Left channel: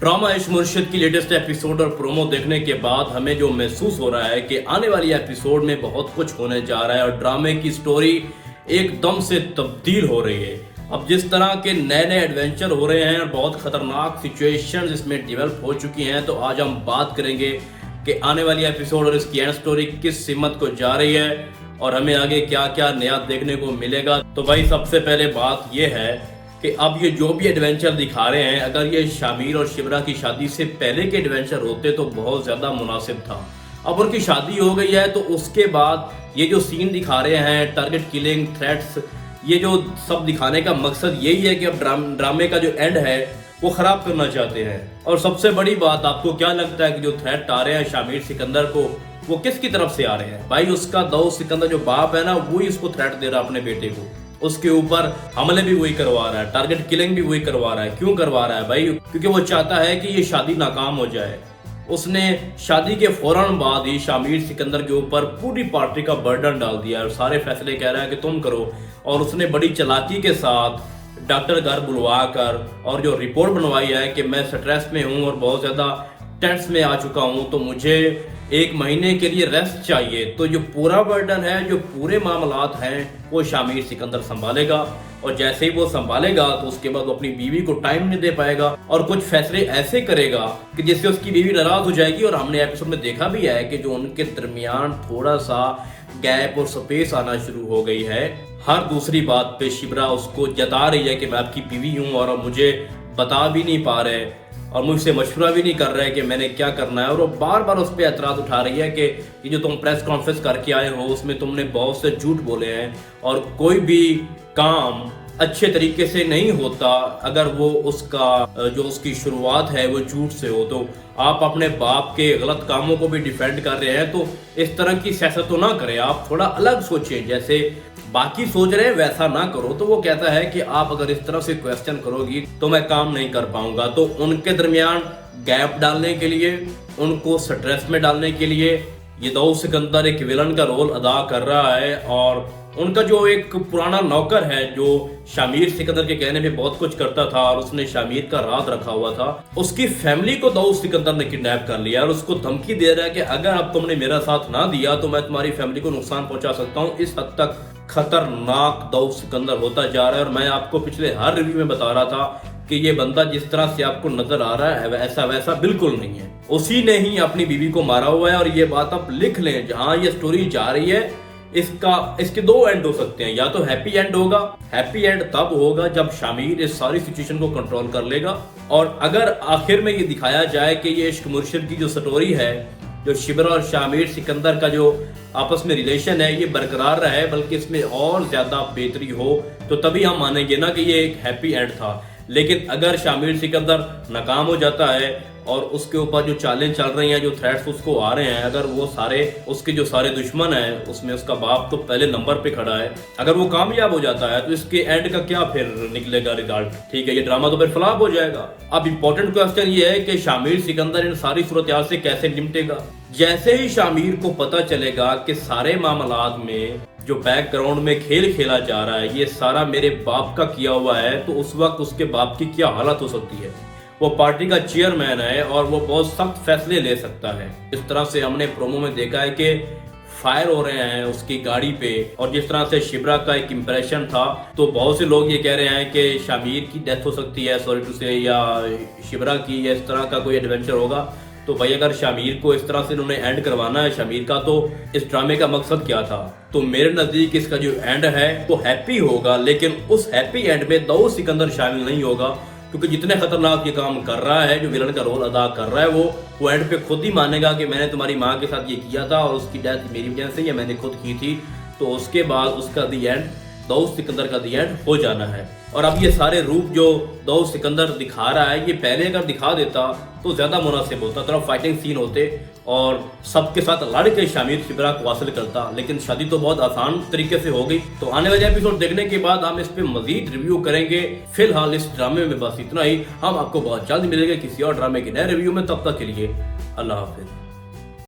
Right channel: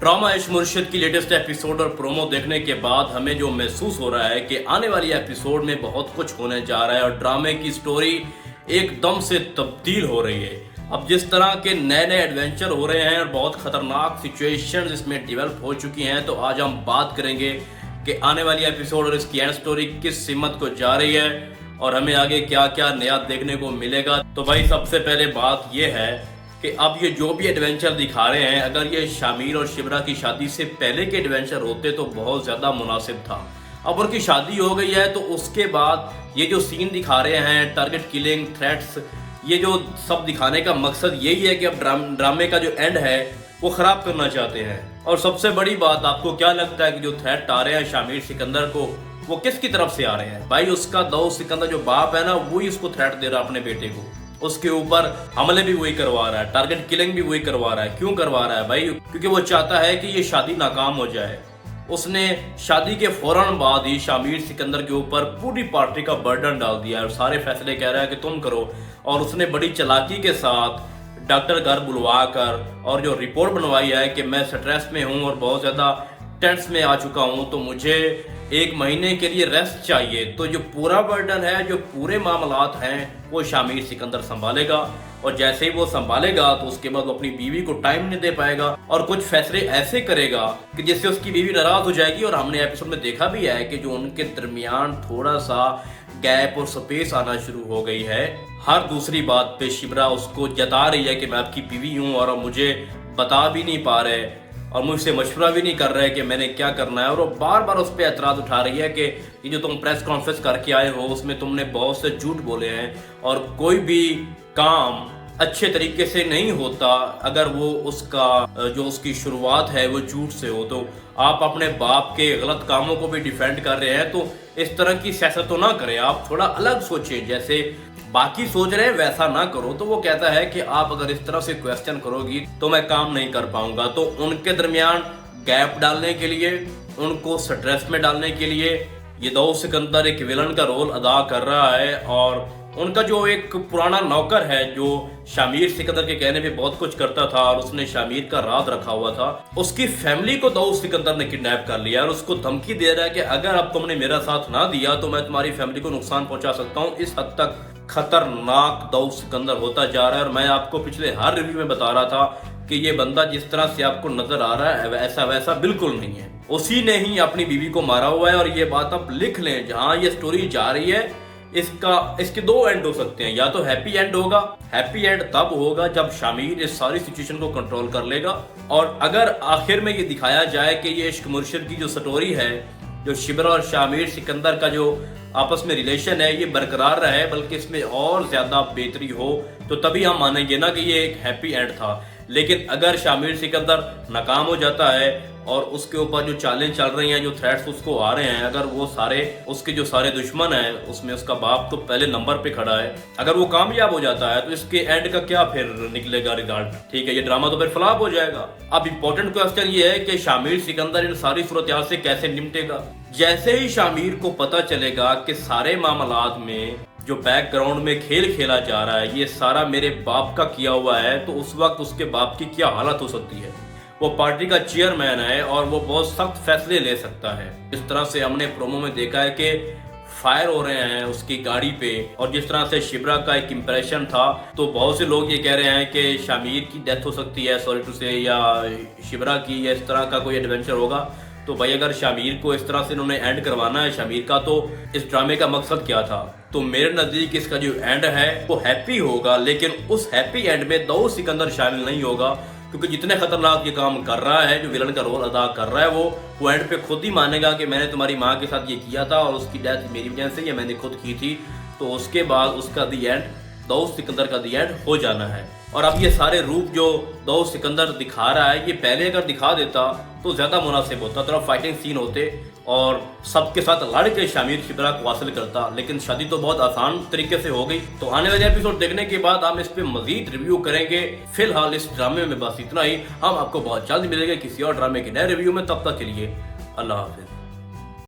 Drama इश्क मुर्शिद की लेटेस्ट एपिसोड और प्रोमो देखने के बाद हमें जो महसूस हो रहा है कि आने वाली एपिसोड में बहुत कुछ होने जा रहा है और ड्रामे की स्टोरी एकदम से तब्दील हो रही है। अब जिस तरह के नए नए एडवेंचर हो रहे हैं और बहुत खतरनाक सिचुएशंस इसमें डेवलप हो चुकी हैं, तो आज हम बात करेंगे कि आने वाली एपिसोड और इसकी एंड स्टोरी किस सिमत को जा रही है और हमें आगे क्या क्या नया देखने को मिलेगा। तो भाई सबसे पहले बात यह है कि अब ये जो भी एडवेंचर दिखा रहे हैं, अगर ये शामिर और शिबरा की शादी से पहले के एडवेंचर होते तो बहुत ज़्यादा मुनासिब था। अब उनकी शादी हो गई है तो उसके बाद ये जो सीन दिखा रहे हैं, टारगेट किलिंग, थ्रेट्स, ये जो सब दिखाने का मकसद यही है कि अब ड्रामे का जो एंड है वो ख़राब करना चाहते हैं। और सबसे बड़ी बात, आपको क्या लगता है कि जो थ्रेट आ रहे हैं शामिर सिकंदर को, वो किसकी तरफ से आ रहे हैं? भाई उसका दाऊद सिकंदर जो बाप है ना, वही उसको थ्रेट दे रहा है अपने बेटे को। उसके ऊपर हमले भी वही करवा रहा है, टारगेट किलिंग भी वही करवा रहा है। क्यों करवा रहा है भाई? क्योंकि वो चाहता है कि ये शादी नाकाम हो जाए। उसने शादी के फौरन बाद ही शामिर सिकंदर के ऊपर पूरी पार्टी का बर्डन डाल दिया और सारे फैसले कह रहा है कि तुम करो। और उसने बड़ी चालाकी के साथ डॉक्टर घर बुलवा कर और जो रिपोर्ट बनवाई है कि मैं स्ट्रेस में हूँ और बहुत ज़्यादा टेंस में आ चुका हूँ, तो मुझे 1 महीने के लिए रेस्ट चाहिए। तो जो पूरा बर्डन है, जो पूरे मामलात हैं, वो शामिर सिकंदर संभालेगा। और जैसे ही वो संभालेगा तो उसके बाद वो अपनी बीवी को टाइम नहीं दे पाएगा और कुछ फैसले ऐसे करेगा कि जिससे उसकी बीवी नाराज हो जाएगी। और हमने एपिसोड में देखा भी है कि जो उनके दरमियान थोड़ा सा गैप और स्पेस आना शुरू हो गई है। हर दूसरी बात पे शिबरा उसको जता रही है कि मैं आपकी बीवी हूँ और मुझे बता भी नहीं पा रहे और मुझसे मशवरा भी नहीं कर रहे कि मैंने क्या करना है। और वो बार बार उस पर एतराज़ उठा रही है कि ये जो तुम प्रेस कॉन्फ्रेंस करके आए हो उसमें तुमने बहुत से झूठ बोले हैं और कोई भी काम अच्छे तरीके से नहीं होता अगर वो उसकी शुरुआत है वो झूठ से हो। तो आप अपने बाप के गलत कामों को भी डिफेंड कर रहे हैं, तो इस तरह की सियासत तो ना करें, आप थोड़ा अलग सोचें, जैसे बाकी सोच रहे हैं वैसा ना करो। तो वो कहता है कि आप अगर इस तरह से क्वेश्चन करोगी तो मैं काम नहीं कर पाऊंगा। तो उनके दरमियान गैप डालने के लिए, उनको स्ट्रेस में डालने के लिए ये दाऊद सिकंदर एक विलन का रोल अदा कर रहा है। और उनका जो एक पुराना नौकर है जो शामिर सिकंदर के कहने पे बहुत कुछ करता था और उसने शामिर का राज रखा हुआ था, उसकी फैमिली को दाऊद सिकंदर ने किडनैप कर लिया और उसको धमकी दे रहा है कि अगर अब तुमने मेरा साथ ना दिया तो मैं तुम्हारी फैमिली को नुकसान पहुंचा सकता हूं। इस हद तक खतरनाक दाऊद सिकंदर होता जा रहा है। और मैं आपको पिछले हर रिव्यू में बता रहा था कि ये बंदा जिस तरह से आपको नजर आ रहा है ऐसा वैसा बिल्कुल नहीं है। उसी ने ही अपनी बीवी को मारा हुआ है। और ये बात आप लिख लें, जहां ये स्टोरी जा रही है इसके 2 एंड हो सकते हैं। या तो हैप्पी एंड होगा, हैप्पी एंड तब होगा जब शामिर इस सारी सिचुएशन को कंट्रोल कर लेगा। और अगर आखिर में ये दिखाया जाए कि ये इश्क मुर्शिद की जो स्टोरी है, जो शिबरा और शामिर सिकंदर का जो आपस में रिलेशन है, ये बरकरार रहे बल्कि इसमें और ज्यादा बेहतरी हो, तो तभी हम मानेंगे ना कि ये एक हैप्पी एंड था। लेकिन अगर शामिर सिकंदर नाकाम हो जाता है और उसके ऊपर जो चालें चल रही हैं, जो थ्रेट्स उसको आ रहे हैं, अगर वो सारे उसके जो सारे दुश्मन हैं, उसमें उसका बाप तो पहले नंबर पे खड़ा है, अगर वो कामयाब हो जाता है तो इसके एंड का क्या फिर निकलेगा रिजल्ट? ठीक है, ये ड्रामा तो फिर फ्लॉप हो जाएगा। अब इम्पोर्टेंट क्वेश्चन ये है कि शामिर सिकंदर इन सारी सूरत से कैसे निपटेगा। जैसे ही शामिर को पता चलेगा कि सारे मामलात में जो बैकग्राउंड में खेल खेला जा रहा है ये सारा मेरे बाप का किया हुआ है, तो उस वक्त उसके बाप की क्या हालत हो सकती है। वो पार्टी का चेयरमैन है और वो बहुत सख्त फैसले ले सकता है। इस तरह से हमने प्रोमो में देखा है कि फायर हो रहे हैं उसकी गाड़ी पे, और जिस तरह से शिबरा का एक इंप्रेशन था, तो बहुत से लोग ये कह रहे हैं कि शामिर की डेथ हो सकती है, सॉरी टू से, या शिबरा की, या इस तरह का कोई एडवेंचर होगा। तो भाई अगर शामिर को इस तरह से इन्होंने एंड करवाना है शामिर का, तो इस ड्रामे का मकसद क्या था? तो मेरे नजदीक इसका जो एंड है वो हैप्पी होगा, लेकिन उस हैप्पी एंड में दाऊद सिकंदर शामिल नहीं होगा, क्योंकि जितने खतरनाक ये काम कर रहा है, जो विलन का रोल अदा कर रहा है, वो एंड पे खुद ही मानेगा कि मैंने तुम्हारी माँ के साथ ये किया था और उसकी डेथ मेरी वजह से, या मैंने खुद की थी। तो उसके बाद उसका दी एंड दाऊद सिकंदर का दी एंड हो जाना है। और अब ये सारे रूप जो दाऊद सिकंदर दिखा रहा है, ये पहले अगर दिखा देता तो ज्यादा मुनासिब होता, थोड़ा फाइटिंग सीन होते और सबके साथ लड़ के शामिर शिबरा को हासिल करता। लेकिन शादी तो बहुत आसान तरीके से हो गई। तो आने वाले एपिसोड देखने के बाद हम इस पे मजीद रिव्यू करेंगे। फिलहाल इस ड्रामे में बस इतना ही। हम आपको बहुत जल्द मिलेंगे किसी और ड्रामे के नए रिव्यू में। तब तक के लिए अल्लाह हाफिज।